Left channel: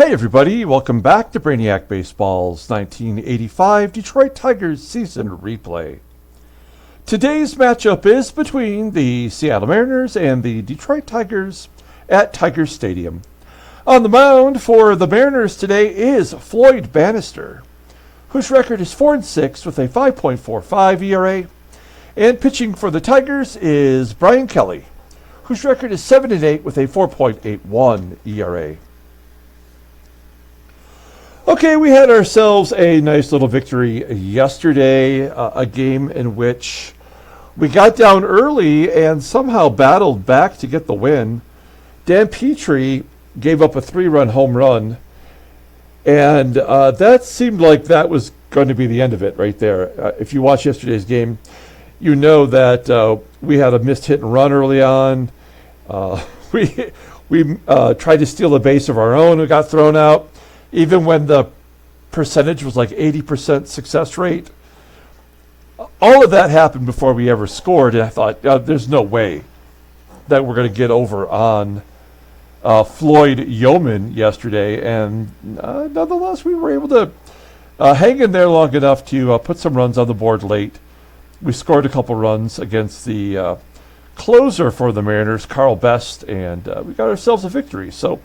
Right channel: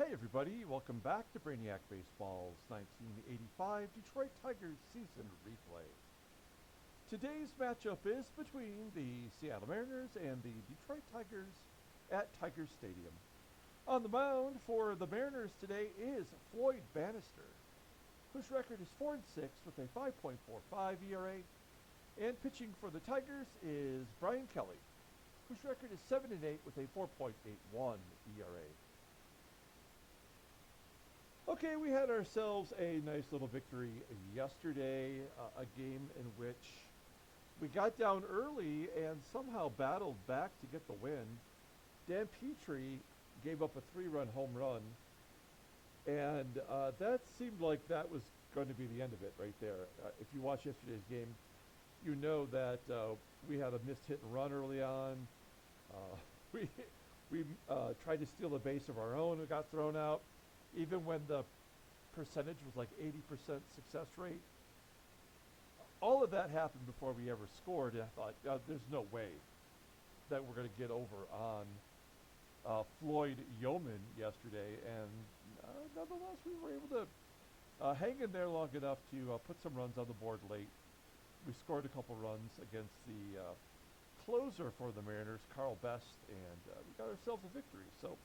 Hey everybody, welcome back to Brainiac Baseball's 1985 Detroit Tigers season replay. Today's matchup is between the Seattle Mariners and the Detroit Tigers at Tiger Stadium. On the mound for the Mariners today is Floyd Bannister, whose record is 4-6 with a 5.45 ERA. And pitching for the Tigers is Bryan Kelly, whose record is 7-8 with a 4.81 ERA. Okay, we had ourselves a nice little victory yesterday, a game in which we got down early and somehow battled back to get the win. Dan Petrie gave up a 3-run home run, and that seemed like that was going to be the end of it right there. If you watch yesterday's game, you know that we had a missed hit and run early on. We tried to steal a base of our own and got thrown out. Even when the percentage was like 80% success rate, all of that happened before we ever scored. And I thought, there's no way that we're going to get over on Floyd Yeoman yesterday. And nonetheless, we were able to hang in there long enough to put some runs on the board late. We scored a couple runs against the closer for the Mariners, Carl Best, and we got ourselves a victory. So.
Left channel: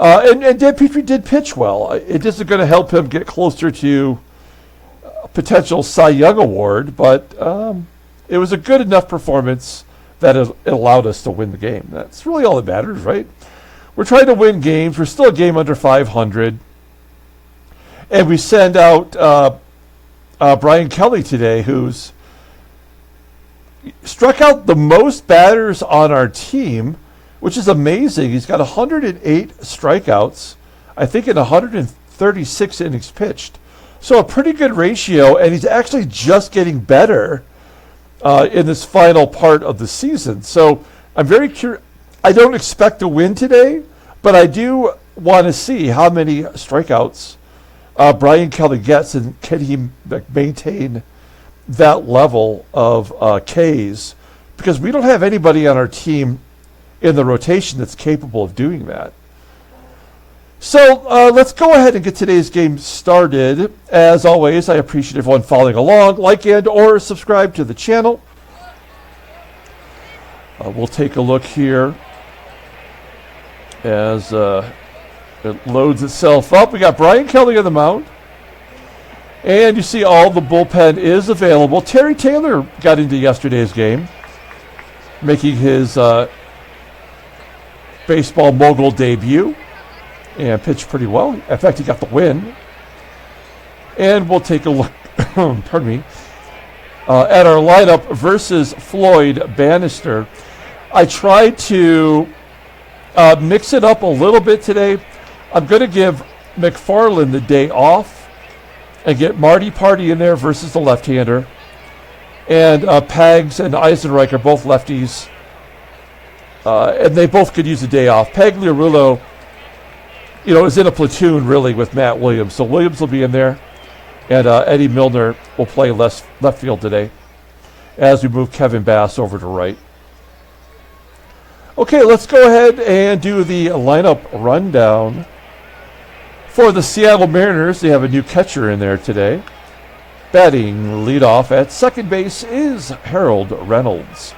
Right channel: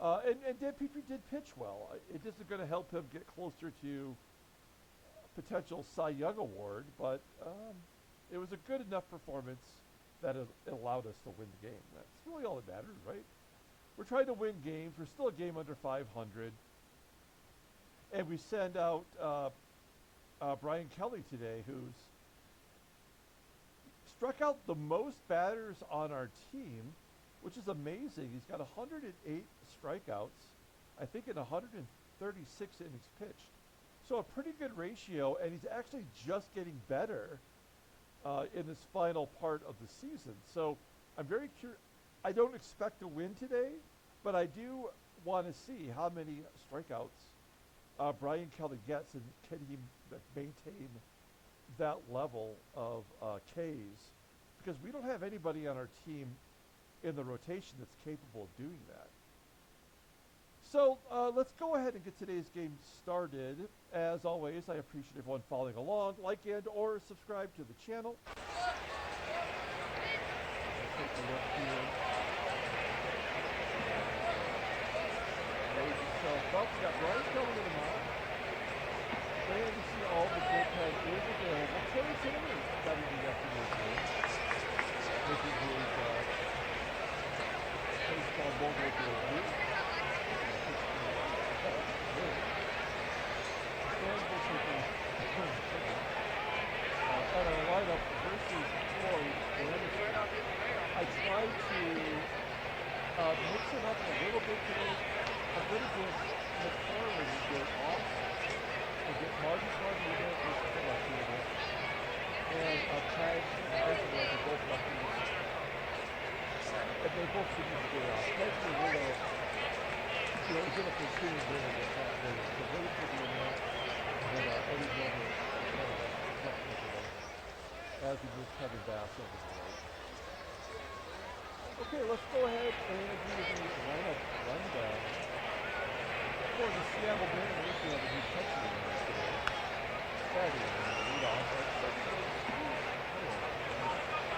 And Dan Petrie did pitch well. It isn't going to help him get closer to a potential Cy Young Award, but it was a good enough performance that it allowed us to win the game. That's really all that matters, right? We're trying to win games. We're still a game under 500. And we send out Bryan Kelly today, who's struck out the most batters on our team, which is amazing. He's got 108 strikeouts, I think, in 136 innings pitched. So a pretty good ratio, and he's actually just getting better in this final part of the season. So I'm very curious. I don't expect to win today, but I do want to see how many strikeouts Bryan Kelly gets, and can he maintain that level of Ks, because we don't have anybody on our team in the rotation that's capable of doing that. So let's go ahead and get today's game started. As always, I appreciate everyone following along. Like and or subscribe to the channel. We'll take a look here as it loads itself up. We got Bryan Kelly on the mound. And you see all the bullpen is available. Terry Taylor got into yesterday's game, making his baseball mogul debut and pitched pretty well. In fact, he got the win. And we'll take a look pardon me, at our lineup versus Floyd Bannister. I tried to mix it up a little bit today. I'm going to give McFarland the day off and get Marty Party in there versus the left-hander. And Pags and Eisenreich, both lefties. And they both could use a day off. Pagliarulo, is in a platoon really with Matt Williams. So Williams will be in there, and Eddie Milner will play left field today as we move Kevin Bass over to right. Okay, let's go ahead and do the lineup rundown. For the Seattle Mariners, they have a new catcher in there today. Batting leadoff at second base is Harold Reynolds.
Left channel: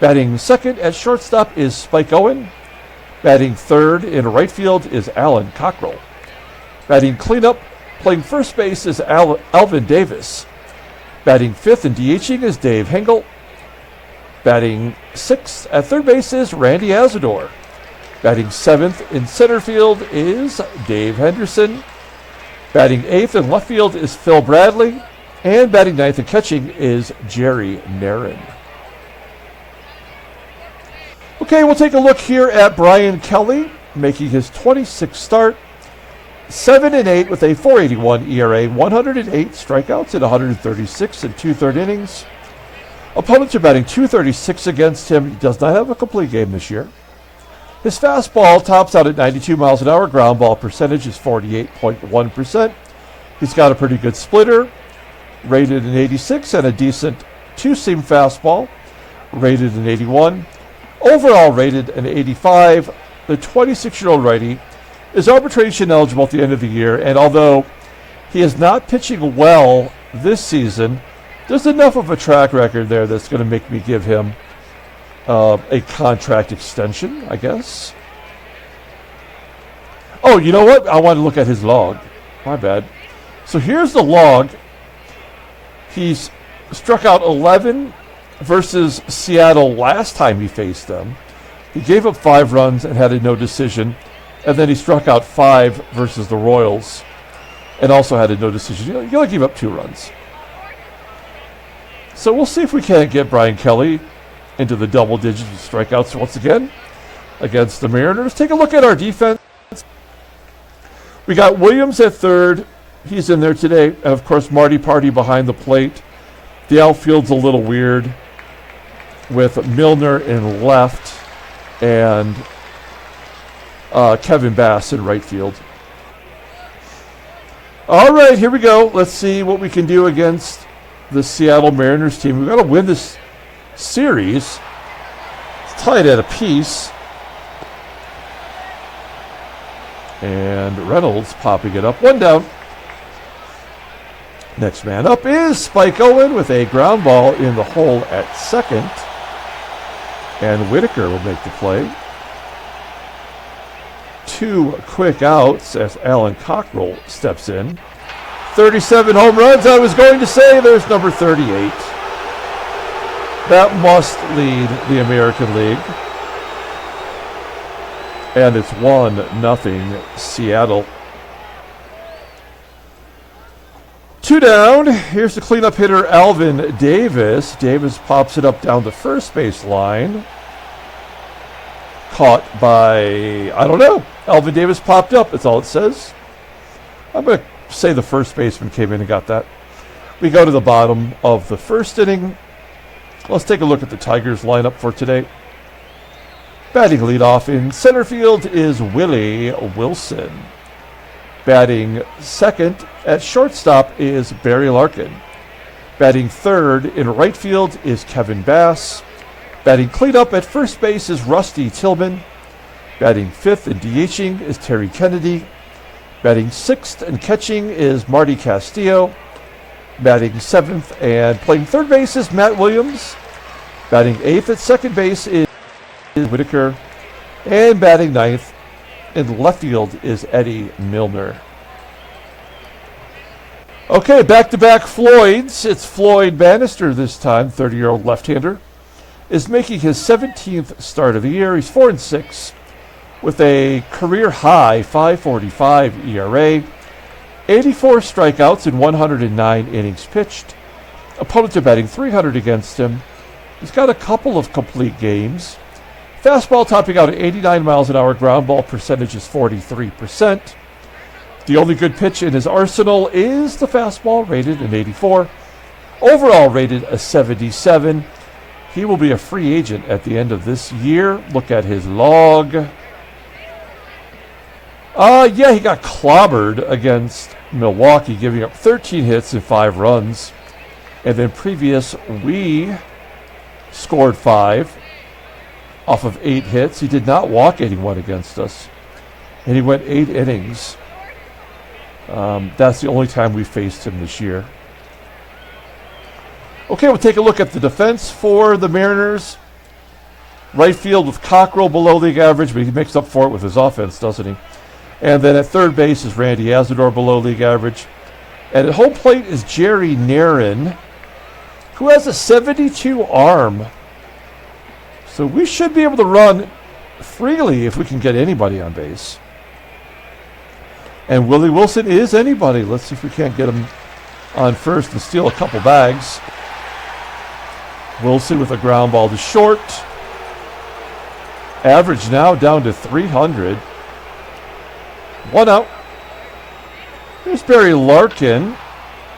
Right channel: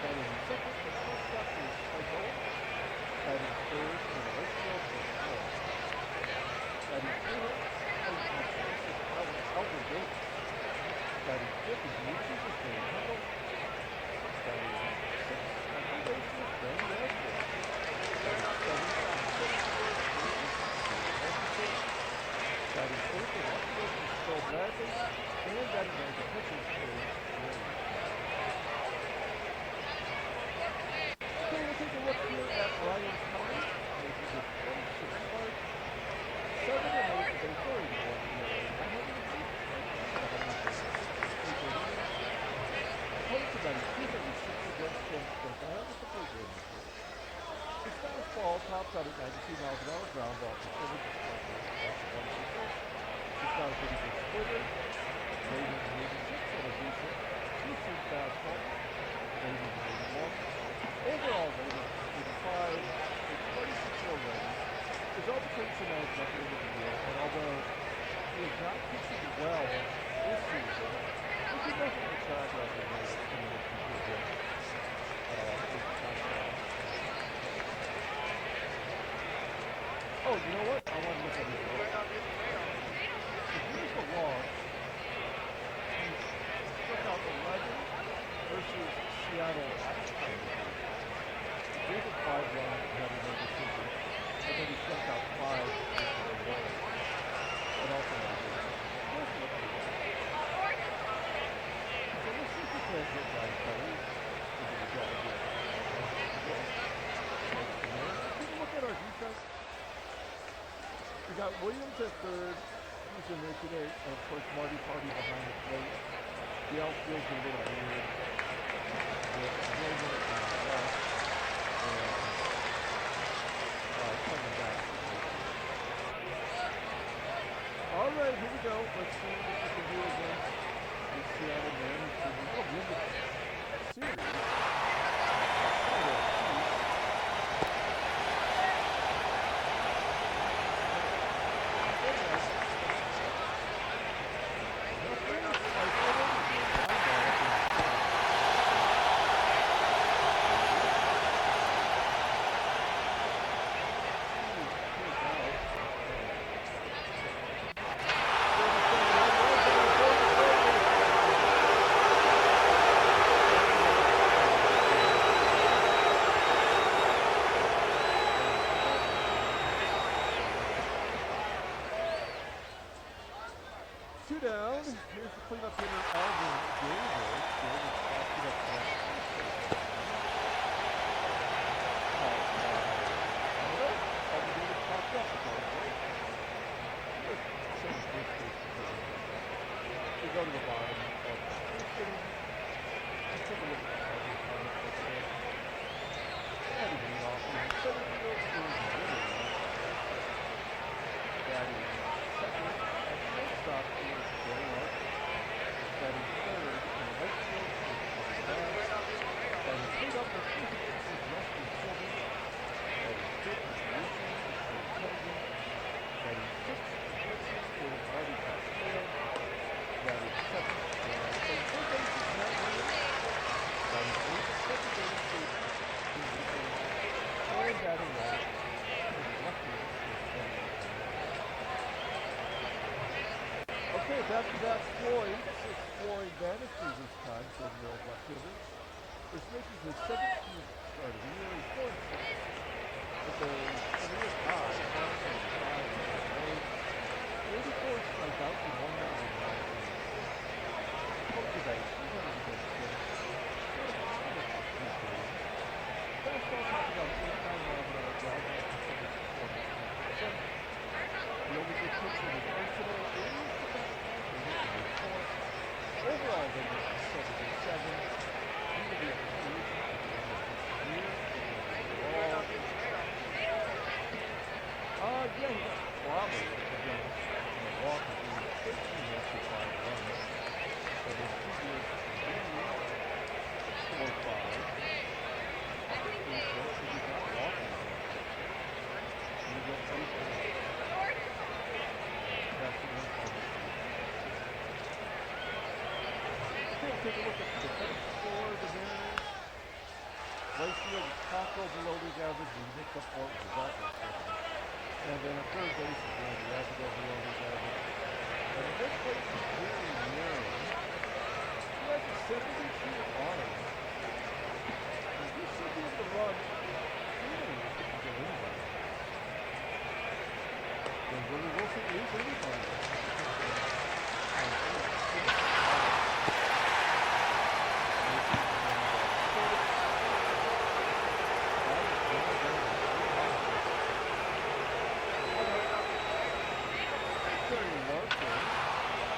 Batting second at shortstop is Spike Owen. Batting third in right field is Alan Cockrell. Batting cleanup, playing first base is Alvin Davis. Batting fifth and DHing is Dave Hengel. Batting sixth at third base is Randy Asador. Batting seventh in center field is Dave Henderson. Batting eighth in left field is Phil Bradley. And batting ninth and catching is Jerry NARRON. Okay, we'll take a look here at Bryan Kelly, making his 26th start. 7-8 with a 4.81 ERA, 108 strikeouts in 136 and 2/3 innings. Opponents are batting .236 against him. He does not have a complete game this year. His fastball tops out at 92 miles an hour. Ground ball percentage is 48.1%. He's got a pretty good splitter, rated an 86, and a decent two-seam fastball, rated an 81. Overall rated an 85. The 26-year-old righty is arbitration eligible at the end of the year, and although he is not pitching well this season, there's enough of a track record there that's going to make me give him a contract extension, I guess. Oh, you know what? I want to look at his log. My bad. So here's the log. He's struck out 11 versus Seattle last time he faced them. He gave up 5 runs and had a no decision. And then he struck out 5 versus the Royals and also had a no decision. He only gave up 2 runs. So we'll see if we can't get Brian Kelly into the double digits of strikeouts once again against the Mariners. Take a look at our defense. We got Williams at third. He's in there today. And, of course, Marty Party behind the plate. The outfield's a little weird with Milner in left and Kevin Bass in right field. All right, here we go. Let's see what we can do against the Seattle Mariners team. We've got to win this series. It's tied at a piece. And Reynolds popping it up. 1 down. Next man up is Spike Owen with a ground ball in the hole at second. And Whitaker will make the play. 2 quick outs as Alan Cockrell steps in. 37 home runs. I was going to say there's number 38. That must lead the American League. And it's 1-0 Seattle. 2 down. Here's the cleanup hitter, Alvin Davis. Davis pops it up down the first base line. Caught by, I don't know. Alvin Davis popped up. That's all it says. I'm going to say the first baseman came in and got that. We go to the bottom of the first inning. Let's take a look at the Tigers lineup for today. Batting leadoff in center field is Willie Wilson. Batting second at shortstop is Barry Larkin. Batting third in right field is Kevin Bass. Batting cleanup at first base is Rusty Tillman. Batting fifth and DHing is Terry Kennedy. Batting sixth and catching is Marty Castillo. Batting seventh and playing third base is Matt Williams. Batting eighth at second base is Whitaker. And batting ninth in left field is Eddie Milner. Okay, back-to-back Floyds. It's Floyd Bannister this time, 30-year-old left-hander, is making his 17th start of the year. He's 4-6 with a career-high 5.45 ERA, 84 strikeouts in 109 innings pitched. Opponents are batting .300 against him. He's got a couple of complete games. Fastball topping out at 89 miles an hour. Ground ball percentage is 43%. The only good pitch in his arsenal is the fastball, rated an 84. Overall rated a 77. He will be a free agent at the end of this year. Look at his log. Yeah, he got clobbered against Milwaukee, giving up 13 hits and 5 runs. And then previous, we scored 5 off of 8 hits. He did not walk anyone against us. And he went 8 innings. That's the only time we faced him this year. Okay, we'll take a look at the defense for the Mariners. Right field with Cockrell below league average, but he makes up for it with his offense, doesn't he? And then at third base is Randy ASADOOR below league average. And at home plate is Jerry NARRON, who has a 72 arm. So we should be able to run freely if we can get anybody on base. And Willie Wilson is anybody. Let's see if we can't get him on first and steal a couple bags. Wilson with a ground ball to short. Average now down to 300. 1 out. Here's Barry Larkin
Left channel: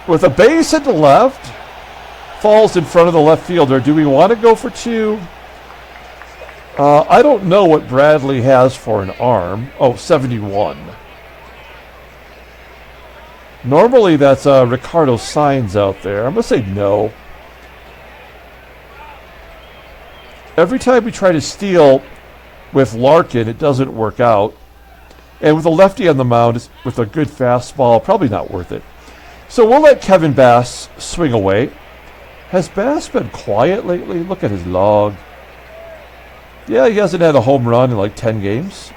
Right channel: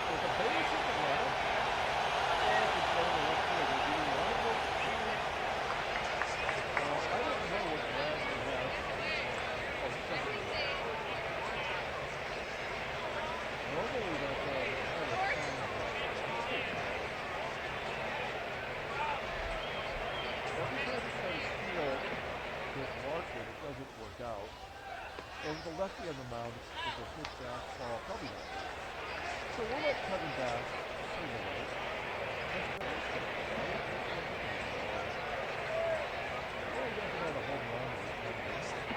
with a base at the left. Falls in front of the left fielder. Do we want to go for 2? I don't know what Bradley has for an arm. Oh, 71. Normally that's Ricardo Sainz out there. I'm going to say no. Every time we try to steal with Larkin, it doesn't work out. And with a lefty on the mound, with a good fastball, probably not worth it. So we'll let Kevin Bass swing away. Has Bass been quiet lately? Look at his log. Yeah, he hasn't had a home run in like 10 games.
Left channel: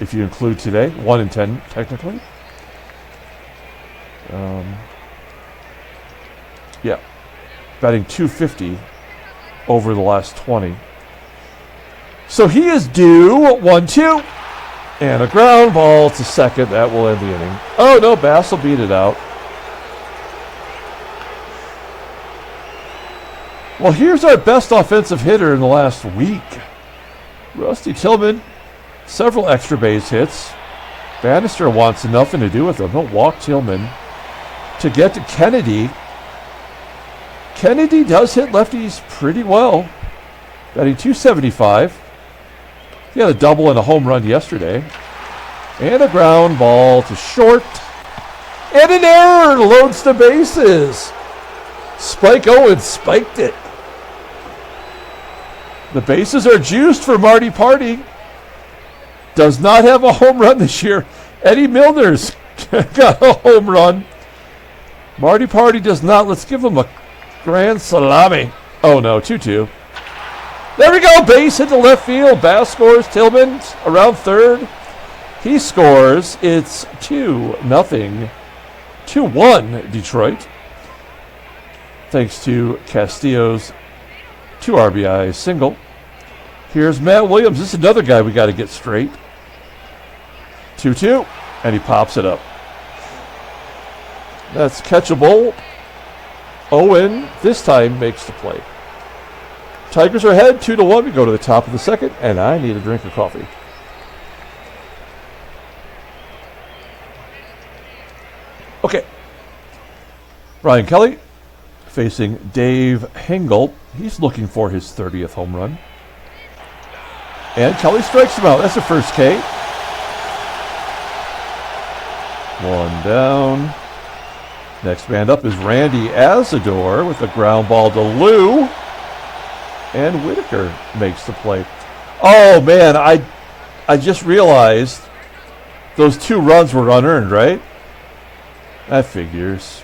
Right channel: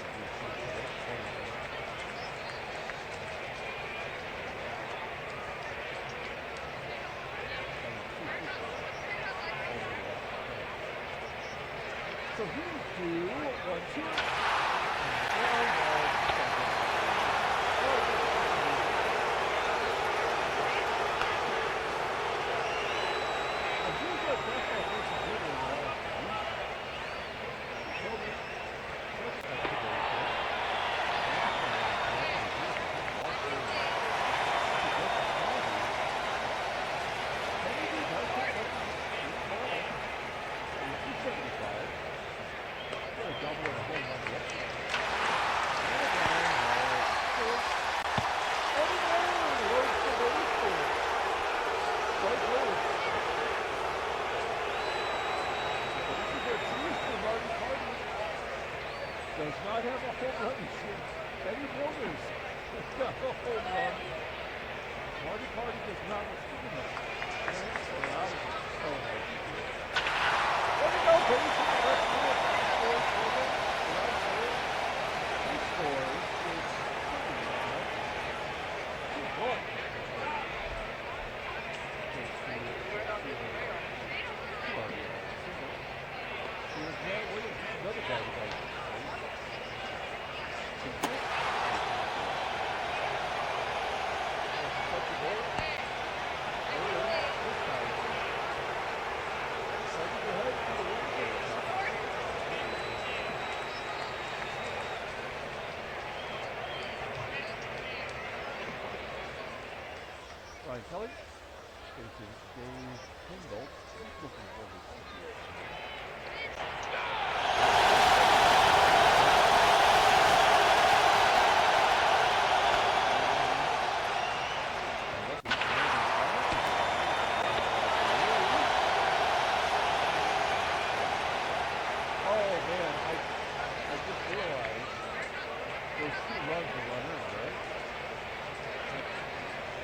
If you include today. 1 in 10, technically. Yeah. Batting .250 over the last 20. So he is due 1-2. And a ground ball to second. That will end the inning. Oh, no, Bass will beat it out. Well, here's our best offensive hitter in the last week. Rusty Tillman, several extra base hits. Bannister wants nothing to do with him. He'll walk Tillman to get to Kennedy. Kennedy does hit lefties pretty well. Batting .275. He had a double and a home run yesterday. And a ground ball to short. And an error loads the bases. Spike Owen spiked it. The bases are juiced for Marty Party. Does not have a home run this year. Eddie Milner's got a home run. Marty Party does not. Let's give him a grand salami. Oh no, 2-2. There we go. Base hit to left field. Bass scores. Tillman around third. He scores. It's 2-0. 2-1 Detroit. Thanks to Castillo's 2 RBI single. Here's Matt Williams. This is another guy we got to get straight. 2-2. And he pops it up. That's catchable. Owen this time makes the play. Tigers are ahead 2-1. We go to the top of the second, and I need a drink of coffee. Okay. Brian Kelly facing Dave Hengel. He's looking for his 30th home run. And Kelly strikes him out. That's the first K. 1 down. Next man up is Randy Asador with a ground ball to Lou. And Whitaker makes the play. Oh, man, I just realized those 2 runs were unearned, right? That figures.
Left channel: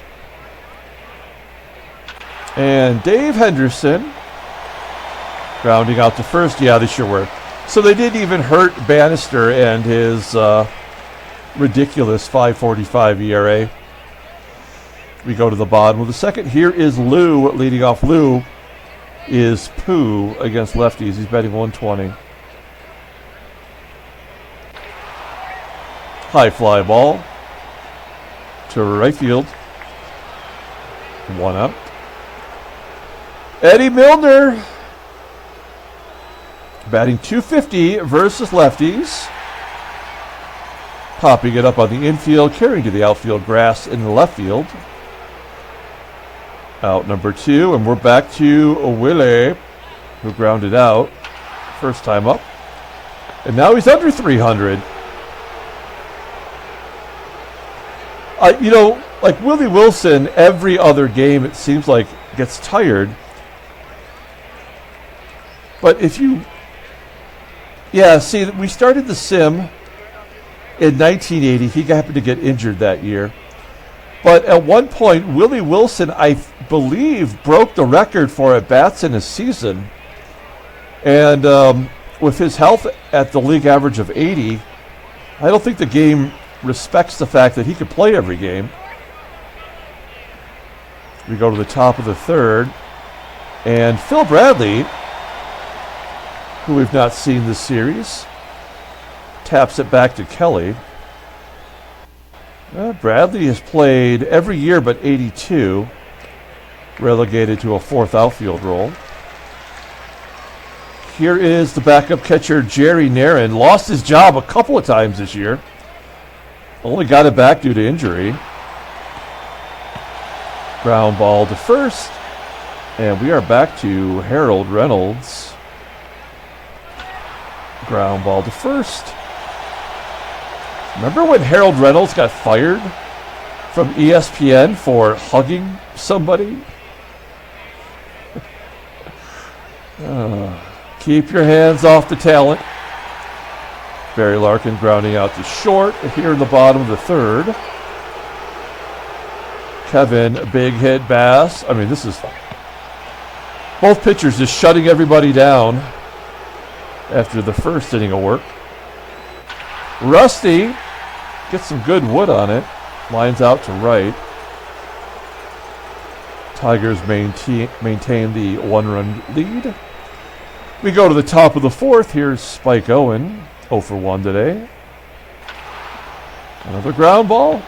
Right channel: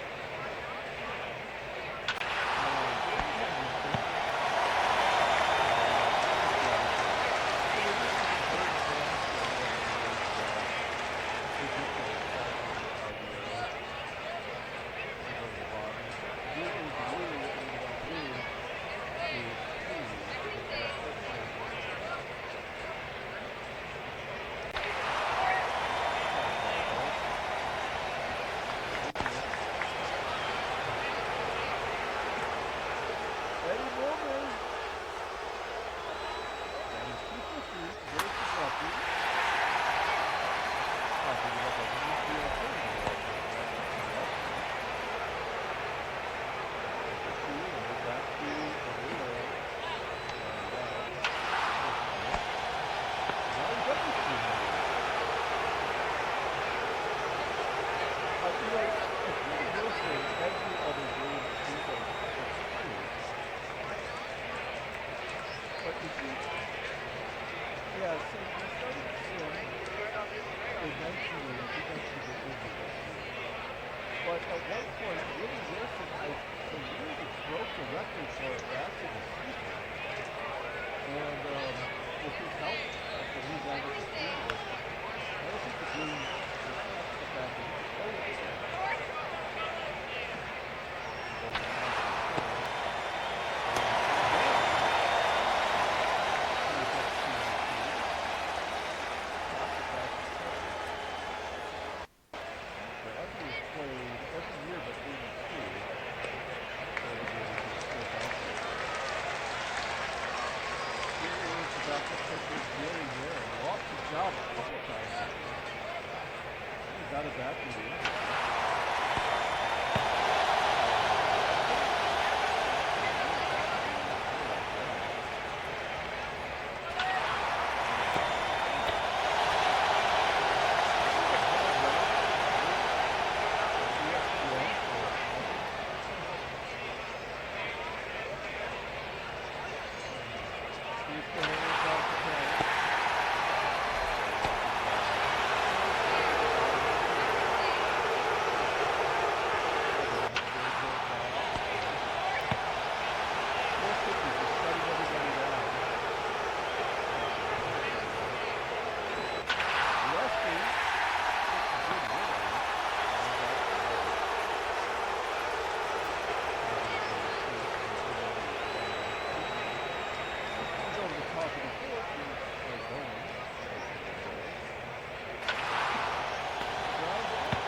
And Dave Henderson grounding out to first. Yeah, they sure were. So they didn't even hurt Bannister and his ridiculous 5.45 ERA. We go to the bottom of the second. Here is Lou leading off. Lou is Pooh against lefties. He's batting 120. High fly ball to right field. 1 up. Eddie Milner batting .250 versus lefties. Popping it up on the infield, carrying to the outfield grass in the left field. Out number 2, and we're back to Willie, who grounded out first time up. And now he's under 300. You know, like Willie Wilson, every other game it seems like gets tired. But if you, yeah, see, we started the sim in 1980. He happened to get injured that year. But at one point, Willie Wilson, I believe, broke the record for at-bats in a season. And with his health at the league average of 80, I don't think the game respects the fact that he could play every game. We go to the top of the third. And Phil Bradley, who we've not seen this series, taps it back to Kelly. Bradley has played every year but 82, relegated to a 4th outfield role. Here is the backup catcher, Jerry NARRON. Lost his job a couple of times this year. Only got it back due to injury. Ground ball to first. And we are back to Harold Reynolds. Ground ball to first. Remember when Harold Reynolds got fired from ESPN for hugging somebody? Keep your hands off the talent. Barry Larkin grounding out to short here in the bottom of the third. Kevin, big hit, Bass. I mean, this is both pitchers just shutting everybody down after the first inning of work. Rusty gets some good wood on it. Lines out to right. Tigers maintain the one-run lead. We go to the top of the fourth. Here's Spike Owen, 0 for 1 today. Another ground ball.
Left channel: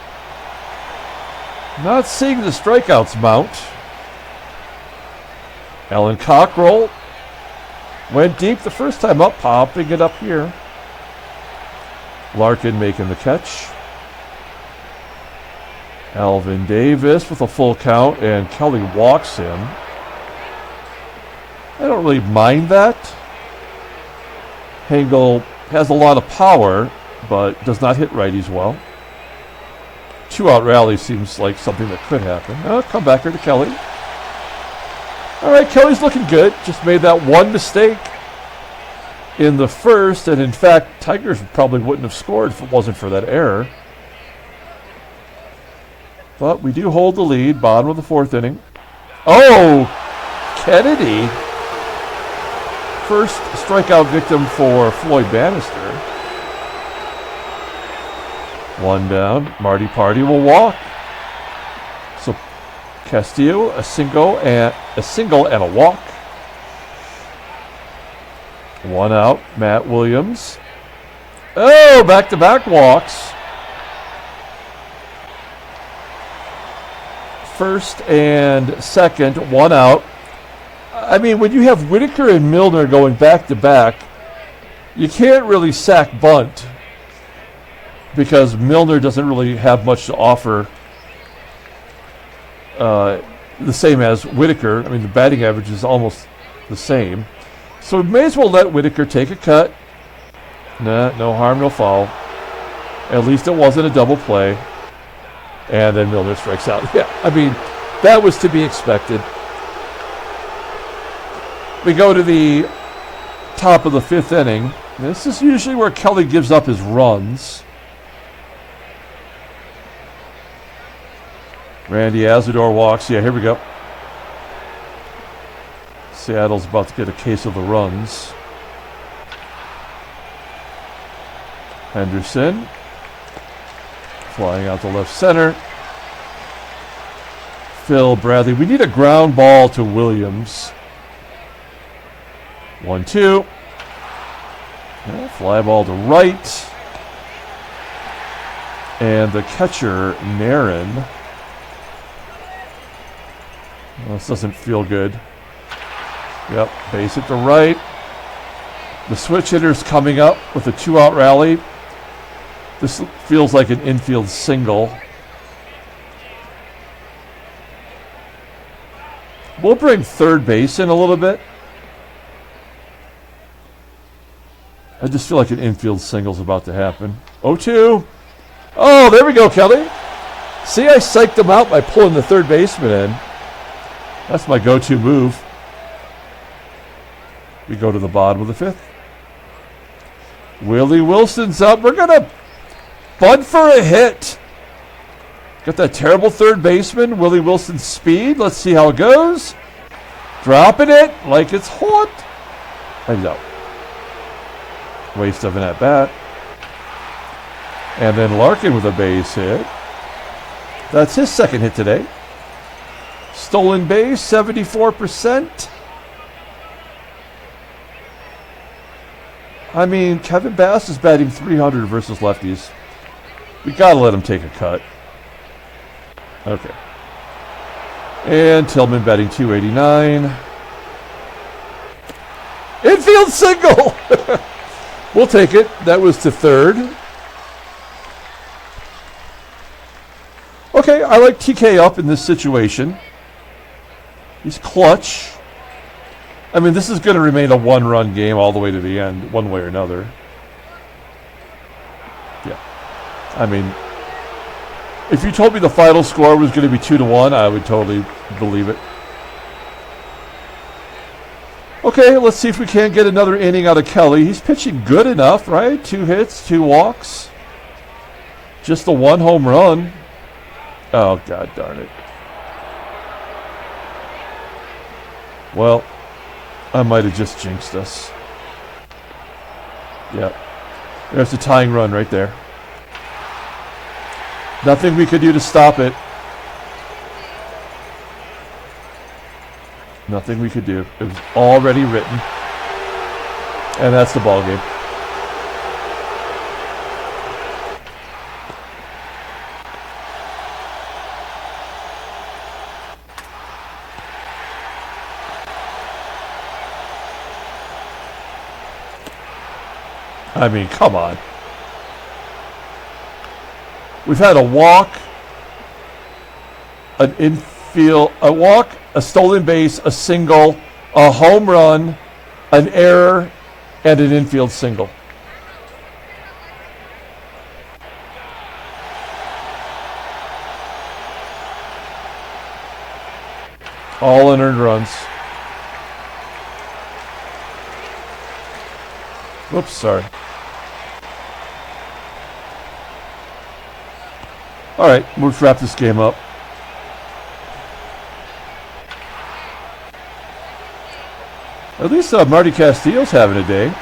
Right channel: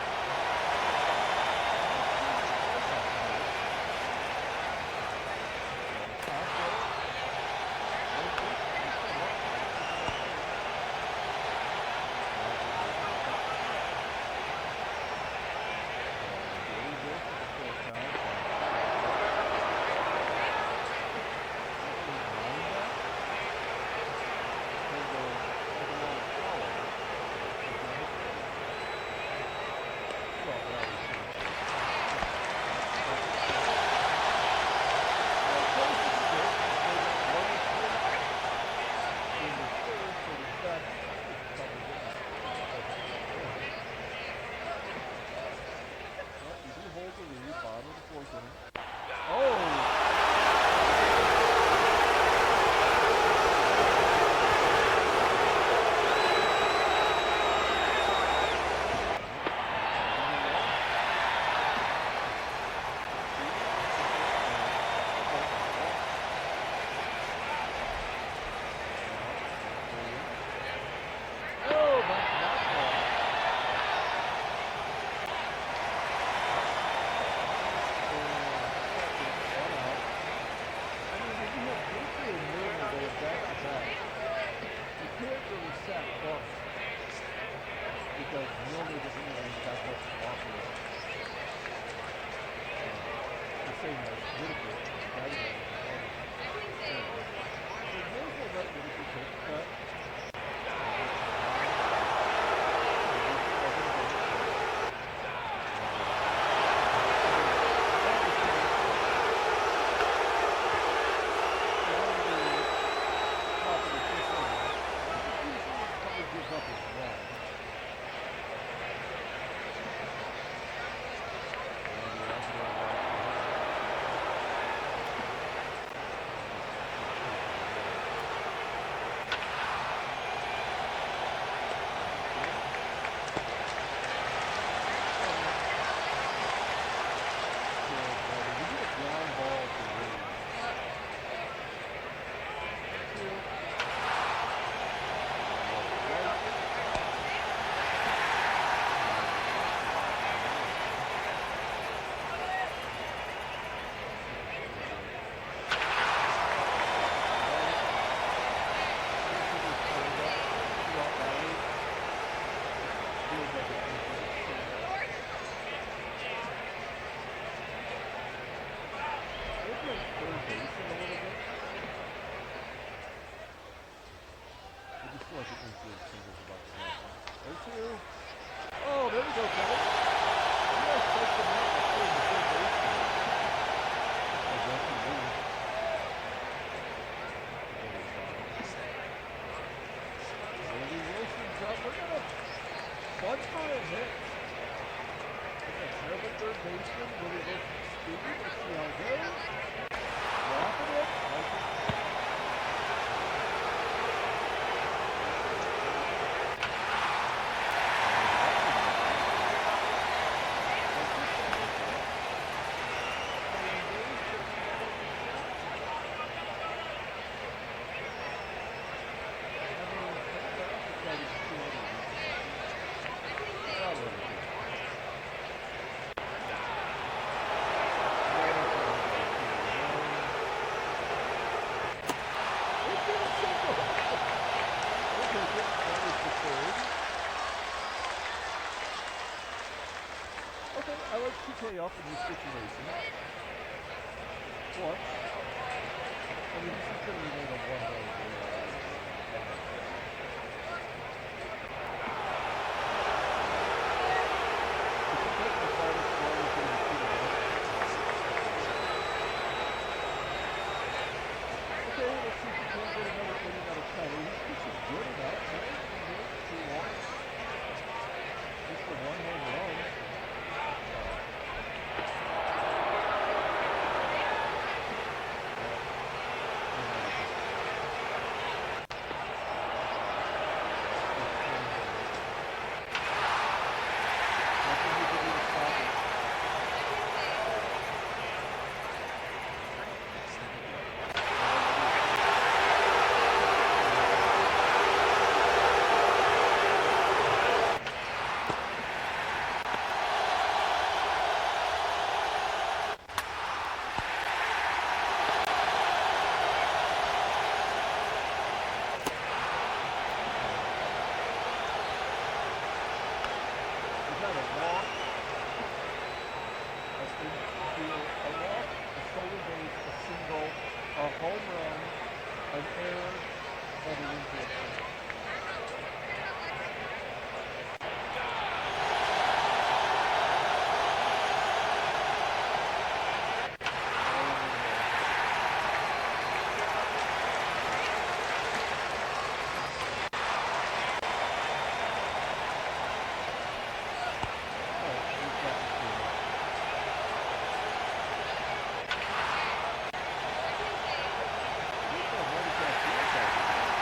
Not seeing the strikeouts mount. Alan Cockrell went deep the first time up, popping it up here. Larkin making the catch. Alvin Davis with a full count, and Kelly walks him. I don't really mind that. Hengel has a lot of power, but does not hit righties well. 2-out rally seems like something that could happen. Come back here to Kelly. All right, Kelly's looking good. Just made that one mistake in the first, and in fact, Tigers probably wouldn't have scored if it wasn't for that error. But we do hold the lead, bottom of the fourth inning. Oh, Kennedy. First strikeout victim for Floyd Bannister. One down. Marty Party will walk. So Castillo, a single and a walk. One out. Matt Williams. Oh, back-to-back walks. First and second, one out. I mean, when you have Whitaker and Milner going back-to-back, you can't really sack bunt because Milner doesn't really have much to offer, the same as Whitaker. I mean, the batting average is almost the same. So we may as well let Whitaker take a cut. Nah, no harm, no foul. At least it wasn't a double play. And then Milner strikes out. Yeah, I mean, that was to be expected. We go to the top of the fifth inning. This is usually where Kelly gives up his runs. Randy ASADOOR walks. Yeah, here we go. Seattle's about to get a case of the runs. Henderson flying out to left center. Phil Bradley. We need a ground ball to Williams. 1-2. Fly ball to right. And the catcher, NARRON. Well, this doesn't feel good. Yep, base it to right. The switch hitter's coming up with a 2-out rally. This feels like an infield single. We'll bring third base in a little bit. I just feel like an infield single's about to happen. 0-2. Oh, there we go, Kelly. See, I psyched him out by pulling the third baseman in. That's my go-to move. We go to the bottom of the fifth. Willie Wilson's up. We're going to bunt for a hit. Got that terrible third baseman, Willie Wilson's speed. Let's see how it goes. Dropping it like it's hot. And out. Waste of an at-bat. And then Larkin with a base hit. That's his second hit today. Stolen base, 74%. I mean, Kevin Bass is batting .300 versus lefties. We gotta let him take a cut. Okay. And Tillman batting .289. Infield single! We'll take it. That was to third. Okay, I like TK up in this situation. He's clutch. I mean, this is going to remain a one-run game all the way to the end, one way or another. Yeah. I mean, if you told me the final score was going to be 2-1, I would totally believe it. Okay, let's see if we can't get another inning out of Kelly. He's pitching good enough, right? 2 hits, 2 walks. Just the 1 home run. Oh, God darn it. Well, I might have just jinxed us. Yeah. There's the tying run right there. Nothing we could do to stop it. Nothing we could do. It was already written. And that's the ball game. I mean, come on. We've had a walk, an infield, a walk, a stolen base, a single, a home run, an error, and an infield single. All unearned runs. Whoops, sorry. All right, let's wrap this game up. At least Marty Castillo's having a day.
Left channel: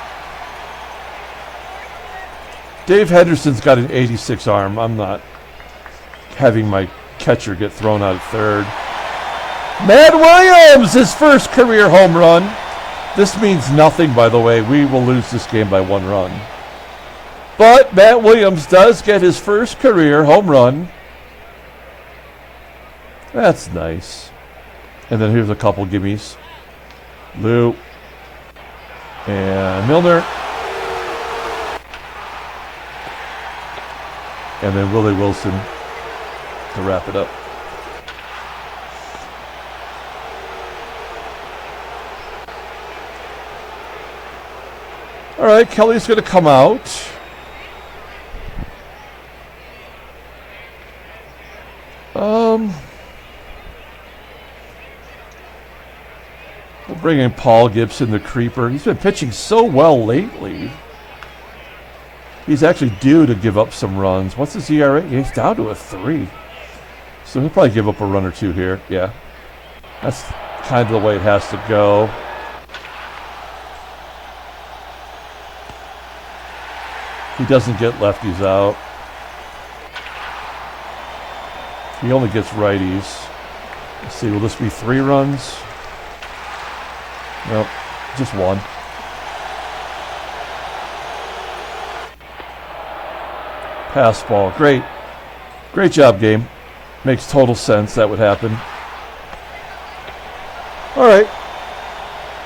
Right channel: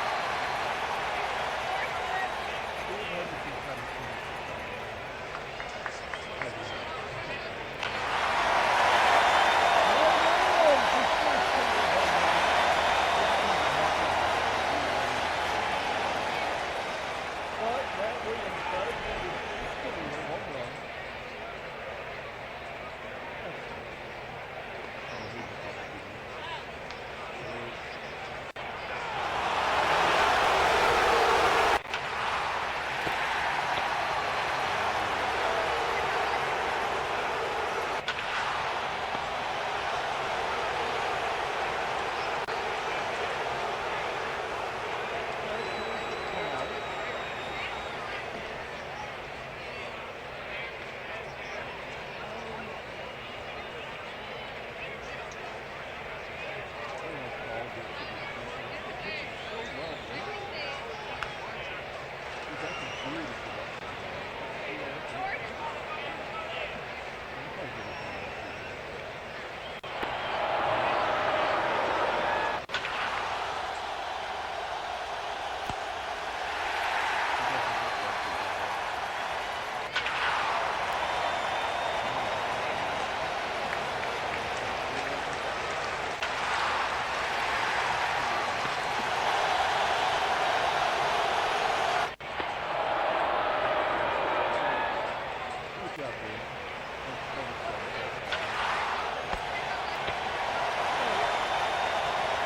Dave Henderson's got an 86 arm. I'm not having my catcher get thrown out at third. Matt Williams, his first career home run. This means nothing, by the way. We will lose this game by 1 run. But Matt Williams does get his first career home run. That's nice. And then here's a couple gimmies. Lou. And Milner. And then Willie Wilson to wrap it up. All right, Kelly's going to come out. We'll bring in Paul Gibson, the creeper. He's been pitching so well lately. He's actually due to give up some runs. What's his ERA? He's down to a 3. So he'll probably give up a run or 2 here. Yeah. That's kind of the way it has to go. He doesn't get lefties out. He only gets righties. Let's see, will this be 3 runs? Nope, just 1. Pass ball, great. Great job, game. Makes total sense that would happen. All right.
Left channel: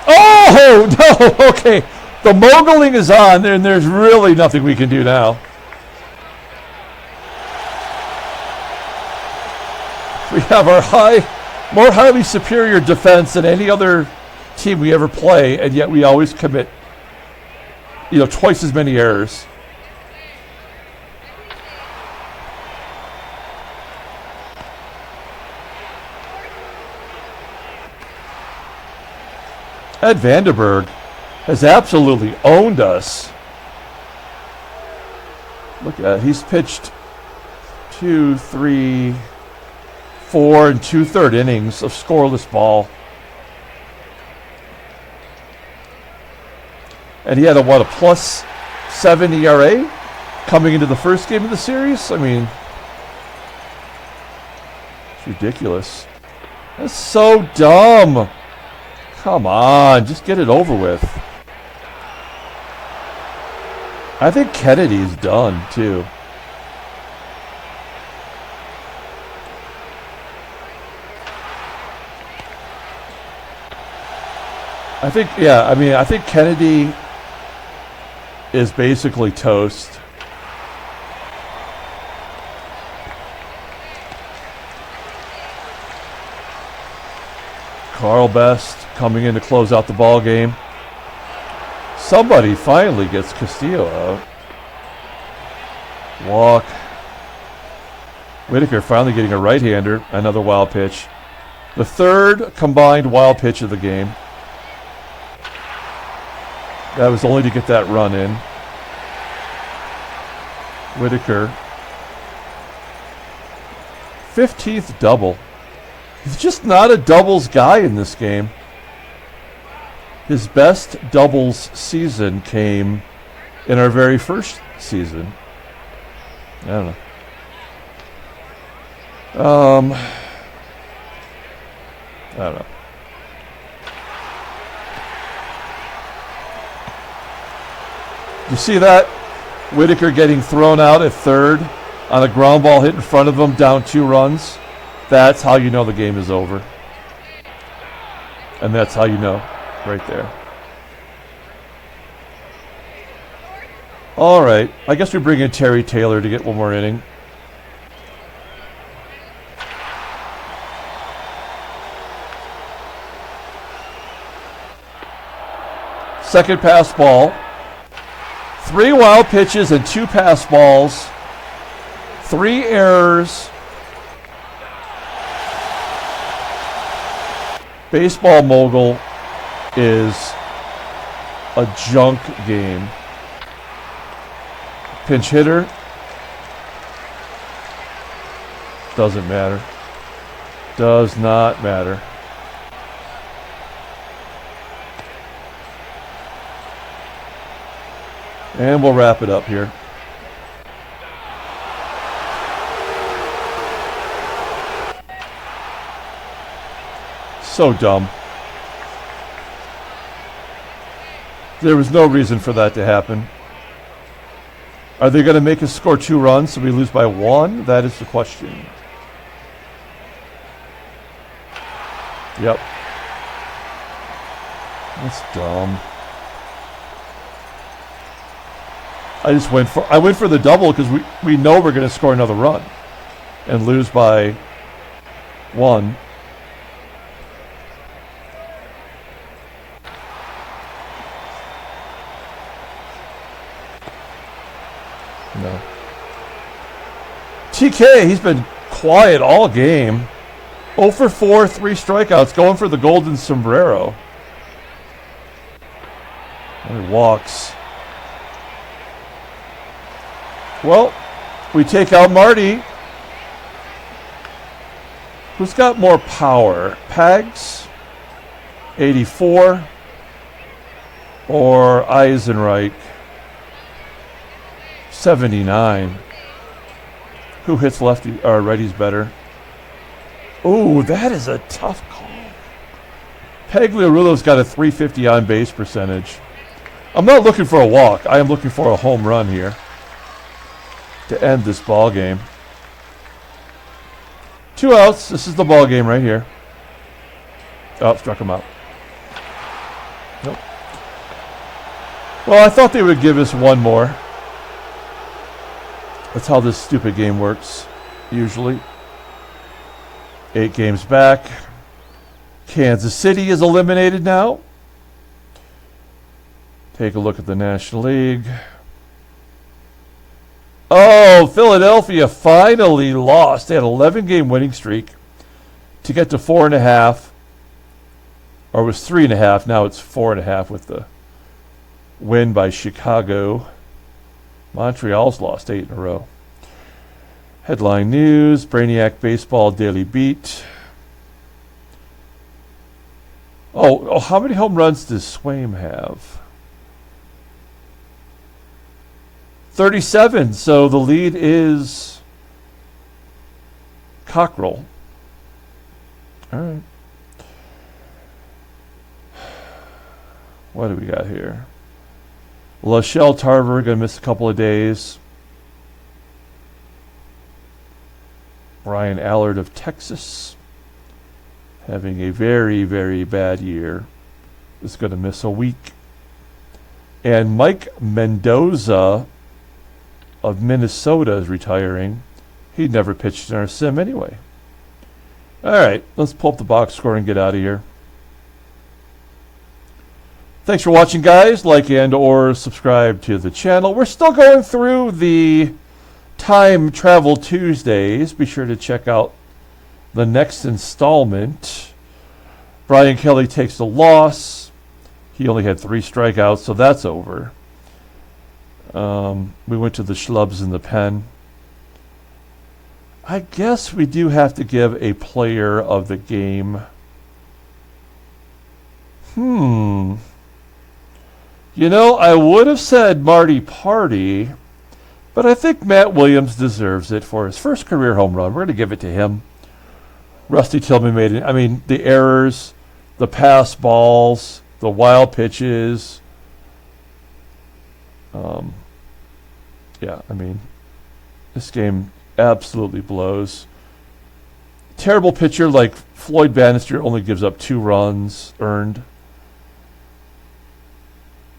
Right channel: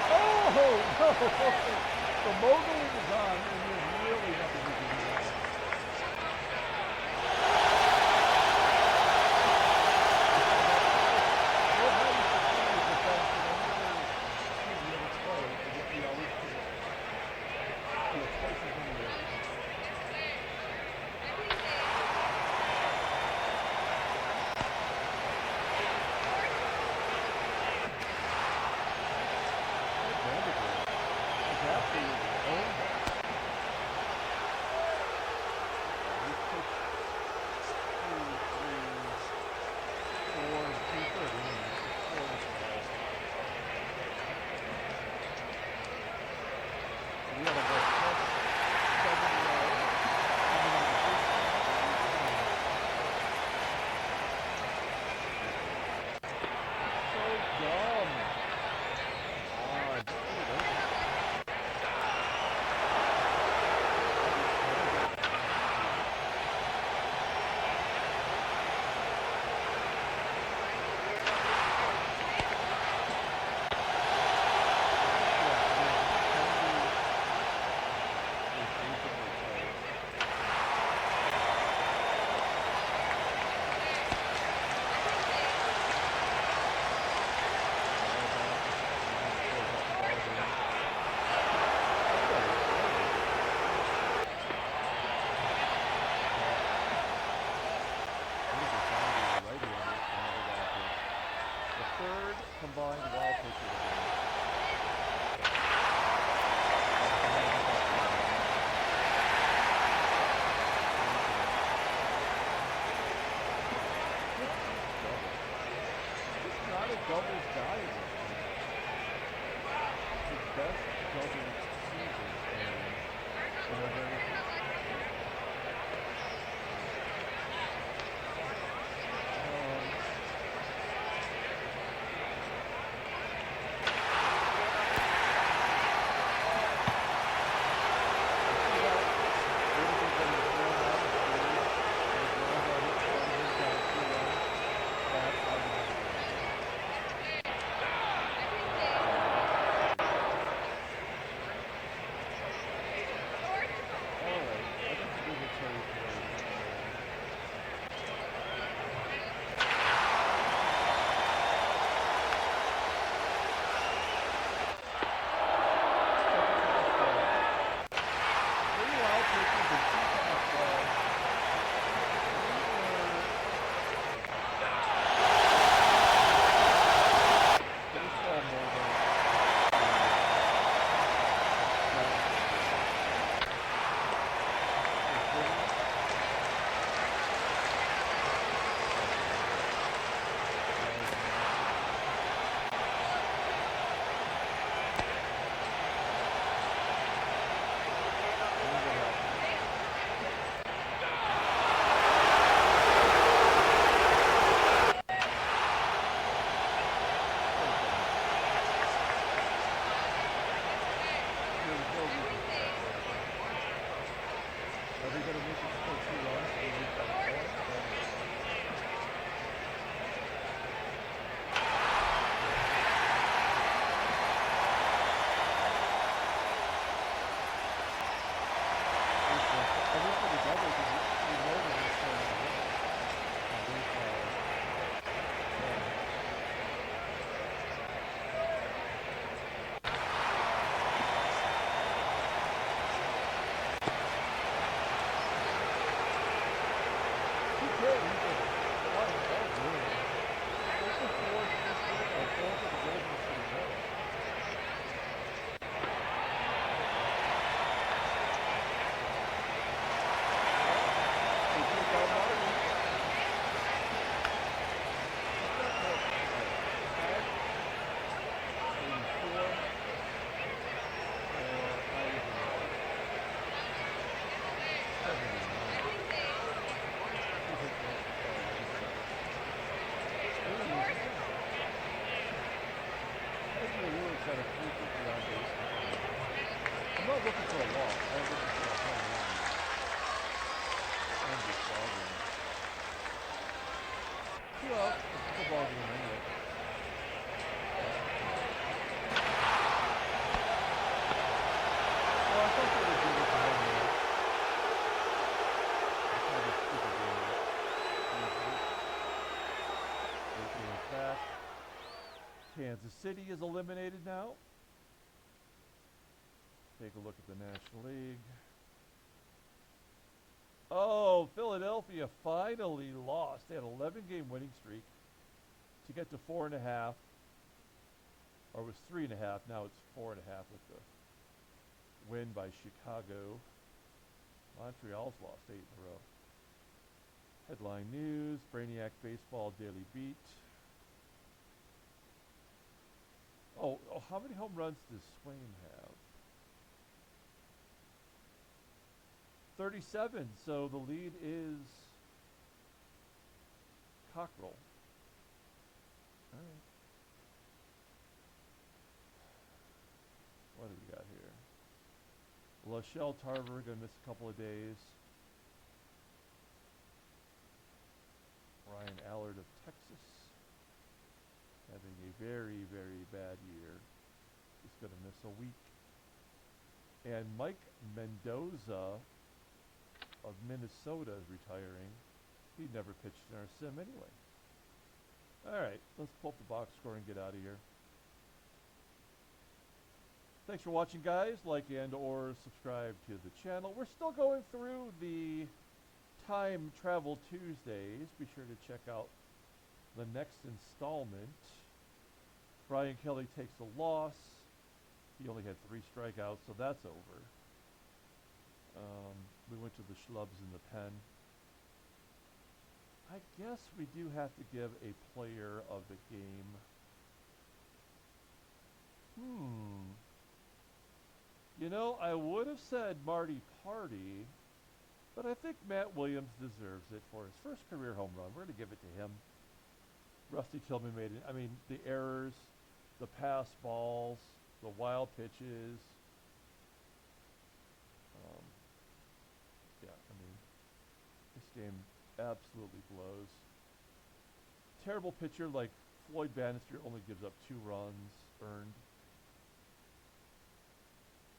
Oh, no, okay. The moguling is on, and there's really nothing we can do now. We have our more highly superior defense than any other team we ever play, and yet we always commit, twice as many errors. Ed Vandenberg has absolutely owned us. Look at that. He's pitched 2, 3, 4 and 2/3 innings of scoreless ball. And he had a +7 ERA coming into the first game of the series? I mean, it's ridiculous. That's so dumb. Come on, just get it over with. I think Kennedy's done, too. I think Kennedy is basically toast. Carl Best coming in to close out the ball game. Somebody finally gets Castillo out. Walk. Whitaker finally getting a right-hander. Another wild pitch. The third combined wild pitch of the game. That was only to get that run in. Whitaker. 15th double. He's just not a doubles guy in this game. His best doubles season came in our very first season. I don't know. I don't know. You see that? Whitaker getting thrown out at third on a ground ball hit in front of him, down 2 runs. That's how you know the game is over. And that's how you know, right there. All right, I guess we bring in Terry Taylor to get one more inning. Second pass ball. 3 wild pitches and 2 pass balls. 3 errors. Baseball mogul is a junk game. Pinch hitter. Doesn't matter. Does not matter. And we'll wrap it up here. So dumb. There was no reason for that to happen. Are they going to make us score 2 runs so we lose by 1? That is the question. Yep. That's dumb. I went for the double because we know we're going to score another run and lose by 1. No. TK, he's been quiet all game. 0 for 4, 3 strikeouts, going for the golden sombrero. And he walks. Well, we take out Marty. Who's got more power? Pags, 84, or Eisenreich, 79. Who hits lefty or righties better? Oh, that is a tough call. Pagliarulo's got a 350 on base percentage. I'm not looking for a walk. I am looking for a home run here to end this ball game. 2 outs. This is the ball game right here. Oh, struck him out. Nope. Well, I thought they would give us one more. That's how this stupid game works, usually. 8 games back. Kansas City is eliminated now. Take a look at the National League. Oh, Philadelphia finally lost. They had an 11-game winning streak to get to 4.5. Or it was 3.5. Now it's 4.5 with the win by Chicago. Montreal's lost 8 in a row. Headline news, Brainiac Baseball Daily Beat. Oh, how many home runs does Swaim have? 37, so the lead is Cockrell. All right. What do we got here? Lachelle Tarver going to miss a couple of days. Brian Allard of Texas, having a very, very bad year, is going to miss a week. And Mike Mendoza of Minnesota is retiring. He never pitched in our sim anyway. All right, let's pull up the box score and get out of here. Thanks for watching, guys. Like and or subscribe to the channel. We're still going through the Time Travel Tuesdays. Be sure to check out the next installment. Brian Kelly takes a loss. He only had 3 strikeouts, so that's over. We went to the schlubs in the pen. I guess we do have to give a player of the game. You know, I would have said Marty Party, but I think Matt Williams deserves it for his first career home run. We're going to give it to him. Rusty Tillman made it. I mean, the errors, the pass balls, the wild pitches. Yeah, I mean, this game absolutely blows. Terrible pitcher like Floyd Bannister only gives up 2 runs earned.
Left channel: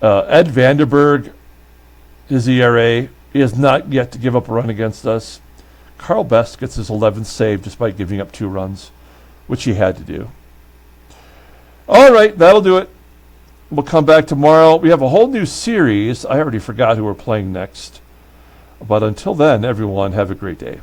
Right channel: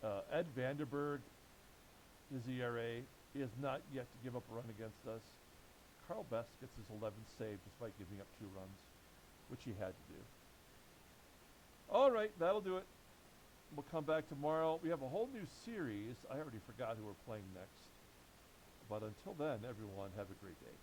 Ed Vanderberg, his ERA, he has not yet to give up a run against us. Carl Best gets his 11th save despite giving up 2 runs, which he had to do. All right, that'll do it. We'll come back tomorrow. We have a whole new series. I already forgot who we're playing next. But until then, everyone, have a great day.